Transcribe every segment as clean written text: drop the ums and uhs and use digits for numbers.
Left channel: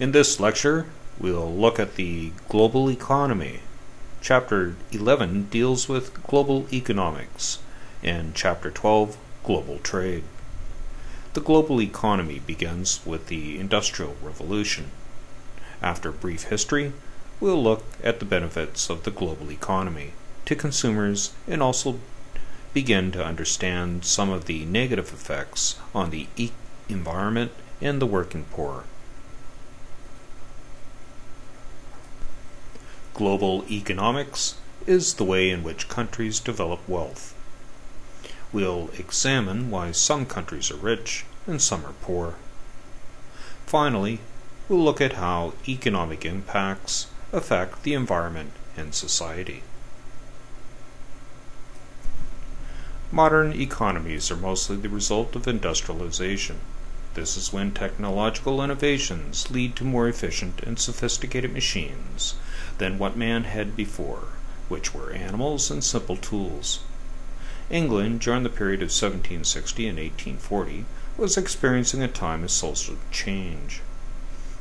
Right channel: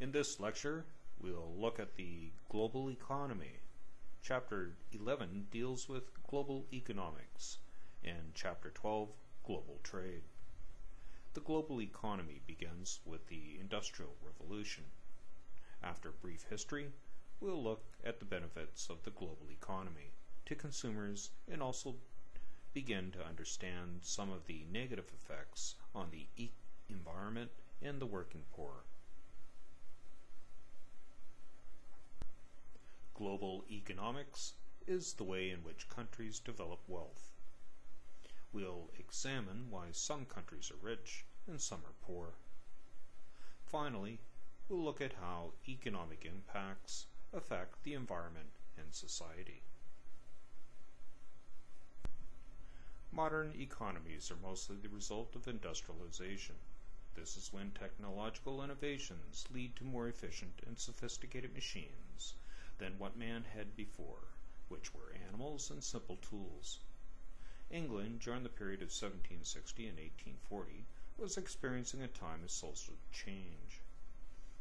In this lecture, we'll look at the global economy. Chapter 11 deals with global economics, and Chapter 12, global trade. The global economy begins with the Industrial Revolution. After a brief history, we'll look at the benefits of the global economy to consumers and also begin to understand some of the negative effects on the environment and the working poor. Global economics is the way in which countries develop wealth. We'll examine why some countries are rich and some are poor. Finally, we'll look at how economic impacts affect the environment and society. Modern economies are mostly the result of industrialization. This is when technological innovations lead to more efficient and sophisticated machines than what man had before, which were animals and simple tools. England, during the period of 1760 and 1840, was experiencing a time of social change.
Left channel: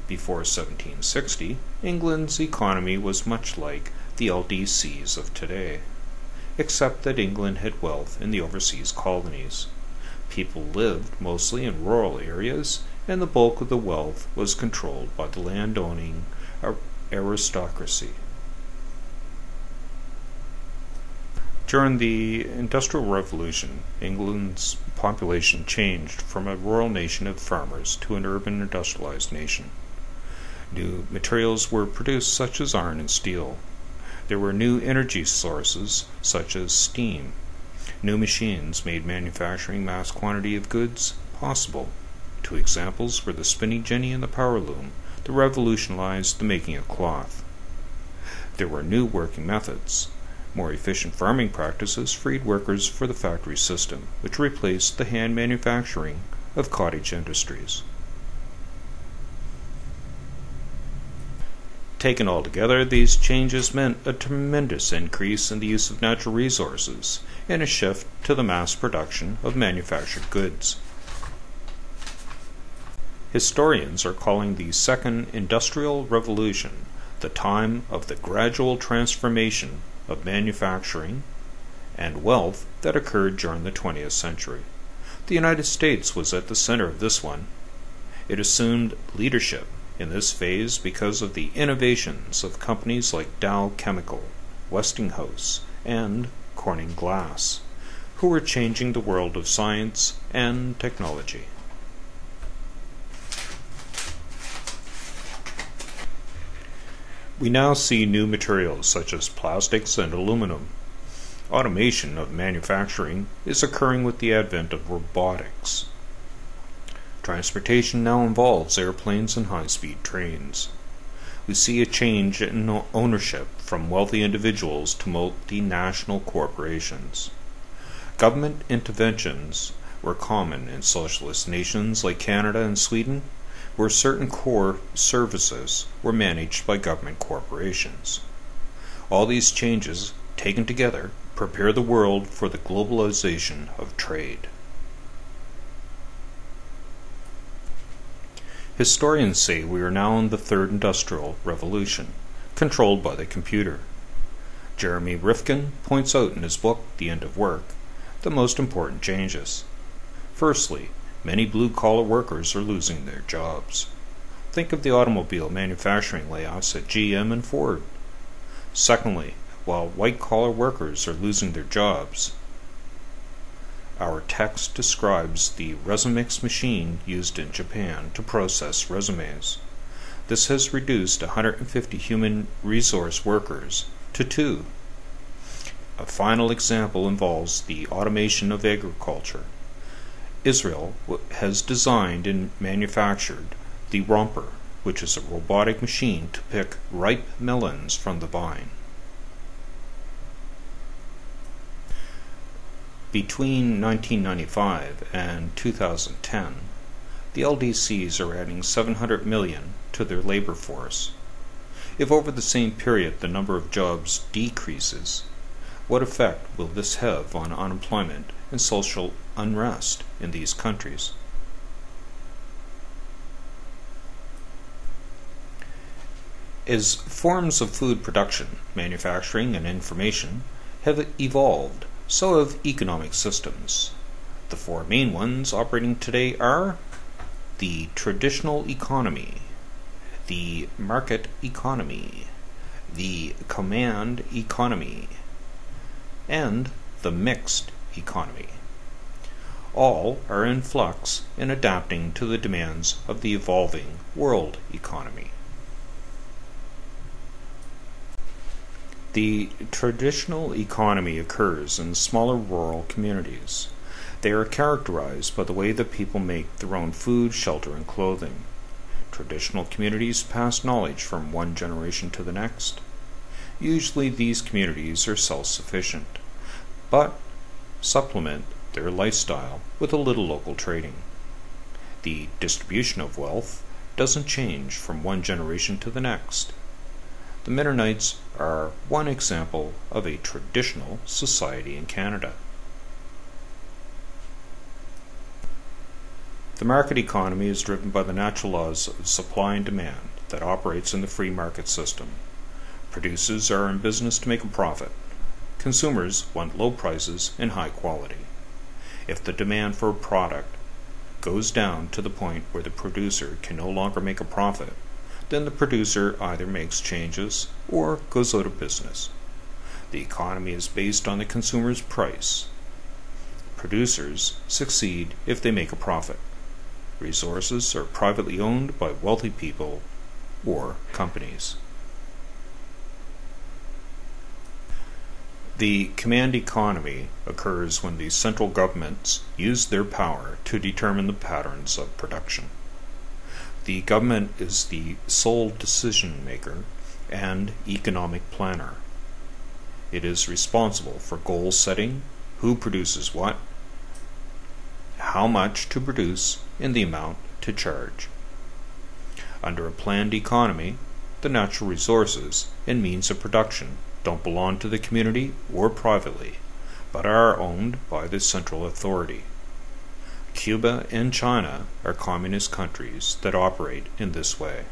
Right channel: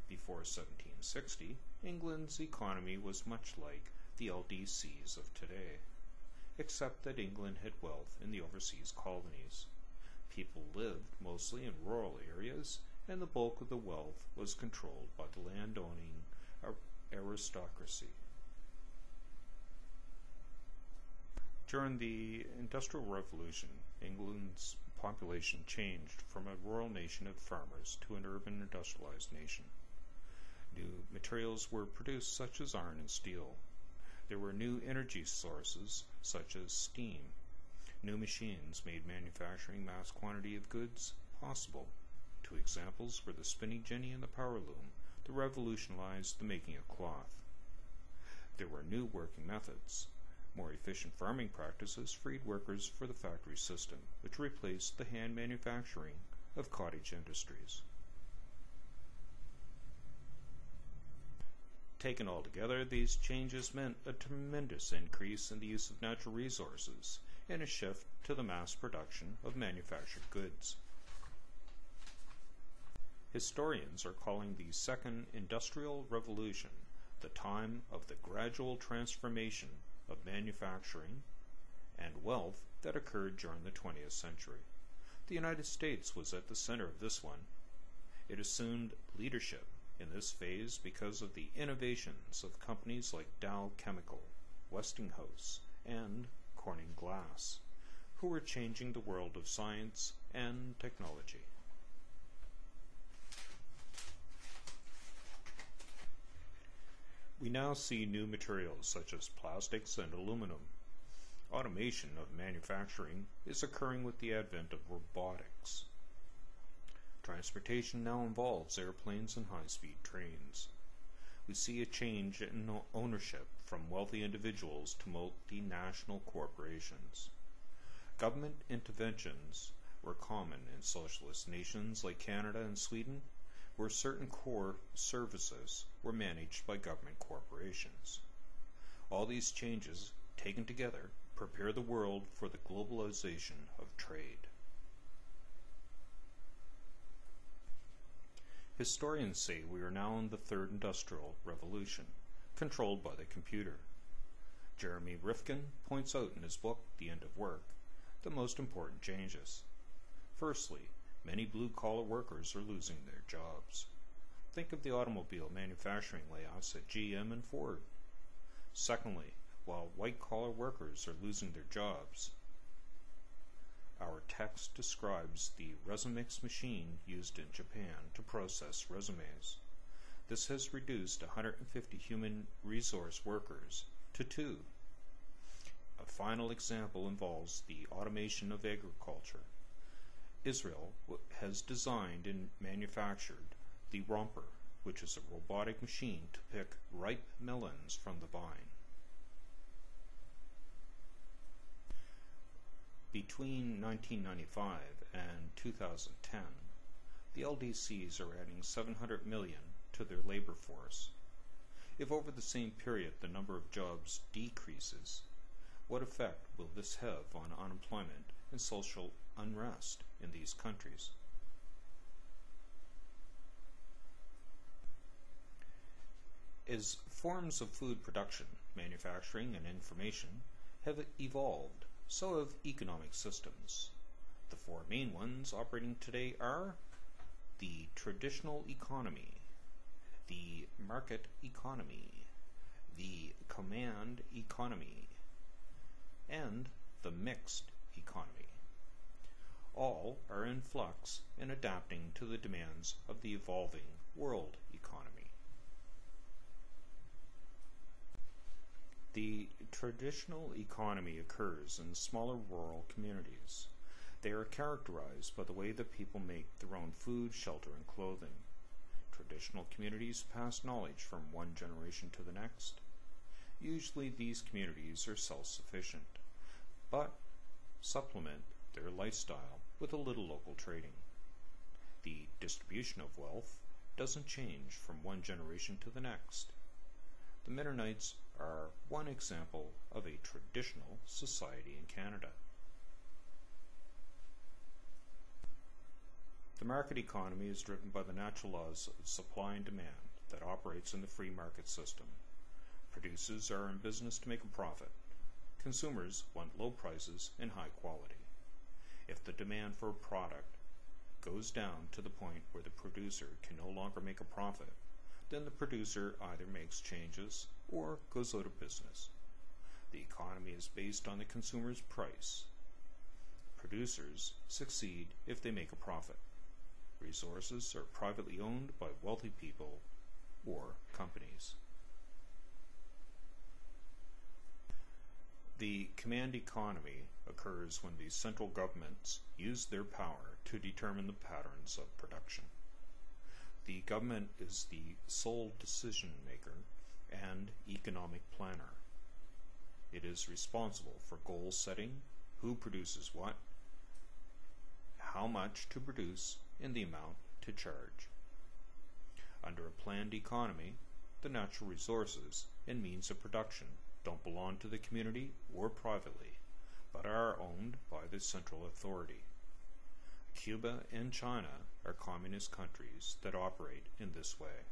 Before 1760, England's economy was much like the LDCs of today, except that England had wealth in the overseas colonies. People lived mostly in rural areas, and the bulk of the wealth was controlled by the landowning aristocracy. During the Industrial Revolution, England's population changed from a rural nation of farmers to an urban industrialized nation. New materials were produced such as iron and steel. There were new energy sources such as steam. New machines made manufacturing mass quantity of goods possible. Two examples were the spinning jenny and the power loom that revolutionized the making of cloth. There were new working methods. More efficient farming practices freed workers for the factory system, which replaced the hand manufacturing of cottage industries. Taken all together, these changes meant a tremendous increase in the use of natural resources and a shift to the mass production of manufactured goods. Historians are calling the Second Industrial Revolution the time of the gradual transformation of manufacturing and wealth that occurred during the 20th century. The United States was at the center of this one. It assumed leadership in this phase because of the innovations of companies like Dow Chemical, Westinghouse, and Corning Glass, who were changing the world of science and technology. We now see new materials such as plastics and aluminum. Automation of manufacturing is occurring with the advent of robotics. Transportation now involves airplanes and high-speed trains. We see a change in ownership from wealthy individuals to multinational corporations. Government interventions were common in socialist nations like Canada and Sweden, where certain core services were managed by government corporations. All these changes, taken together, prepare the world for the globalization of trade. Historians say we are now in the Third Industrial Revolution, controlled by the computer. Jeremy Rifkin points out in his book, The End of Work, the most important changes. Firstly, many blue-collar workers are losing their jobs. Think of the automobile manufacturing layoffs at GM and Ford. Secondly, while white-collar workers are losing their jobs, our text describes the Resimix machine used in Japan to process resumes. This has reduced 150 human resource workers to 2. A final example involves the automation of agriculture. Israel has designed and manufactured the Romper, which is a robotic machine to pick ripe melons from the vine. Between 1995 and 2010, the LDCs are adding 700 million to their labor force. If over the same period the number of jobs decreases, what effect will this have on unemployment and social unrest in these countries? As forms of food production, manufacturing, and information have evolved, so have economic systems. The four main ones operating today are the traditional economy, the market economy, the command economy, and the mixed economy. All are in flux and adapting to the demands of the evolving world economy. The traditional economy occurs in smaller rural communities. They are characterized by the way that people make their own food, shelter, and clothing. Traditional communities pass knowledge from one generation to the next. Usually these communities are self-sufficient, but supplement their lifestyle with a little local trading. The distribution of wealth doesn't change from one generation to the next. The Mennonites are one example of a traditional society in Canada. The market economy is driven by the natural laws of supply and demand that operates in the free market system. Producers are in business to make a profit. Consumers want low prices and high quality. If the demand for a product goes down to the point where the producer can no longer make a profit, then the producer either makes changes or goes out of business. The economy is based on the consumer's price. Producers succeed if they make a profit. Resources are privately owned by wealthy people or companies. The command economy occurs when the central governments use their power to determine the patterns of production. The government is the sole decision maker and economic planner. It is responsible for goal setting, who produces what, how much to produce, and the amount to charge. Under a planned economy, the natural resources and means of production don't belong to the community or privately, but are owned by the central authority. Cuba and China are communist countries that operate in this way.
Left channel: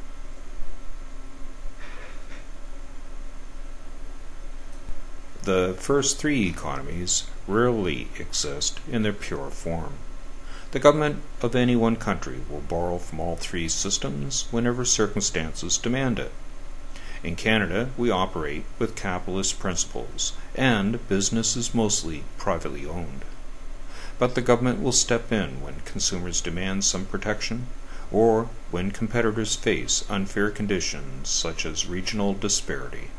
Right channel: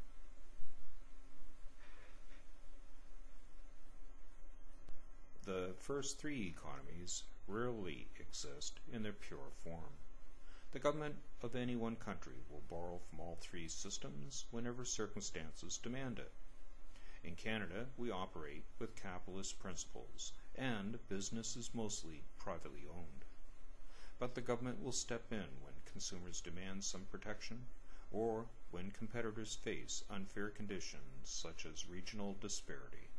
The first three economies rarely exist in their pure form. The government of any one country will borrow from all three systems whenever circumstances demand it. In Canada, we operate with capitalist principles, and business is mostly privately owned. But the government will step in when consumers demand some protection, or when competitors face unfair conditions such as regional disparity.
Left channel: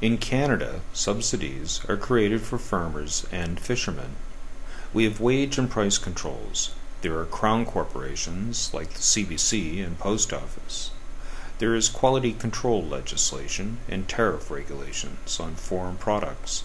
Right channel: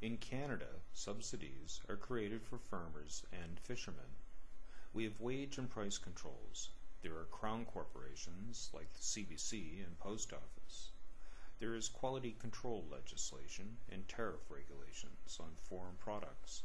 In Canada, subsidies are created for farmers and fishermen. We have wage and price controls. There are crown corporations like the CBC and Post Office. There is quality control legislation and tariff regulations on foreign products.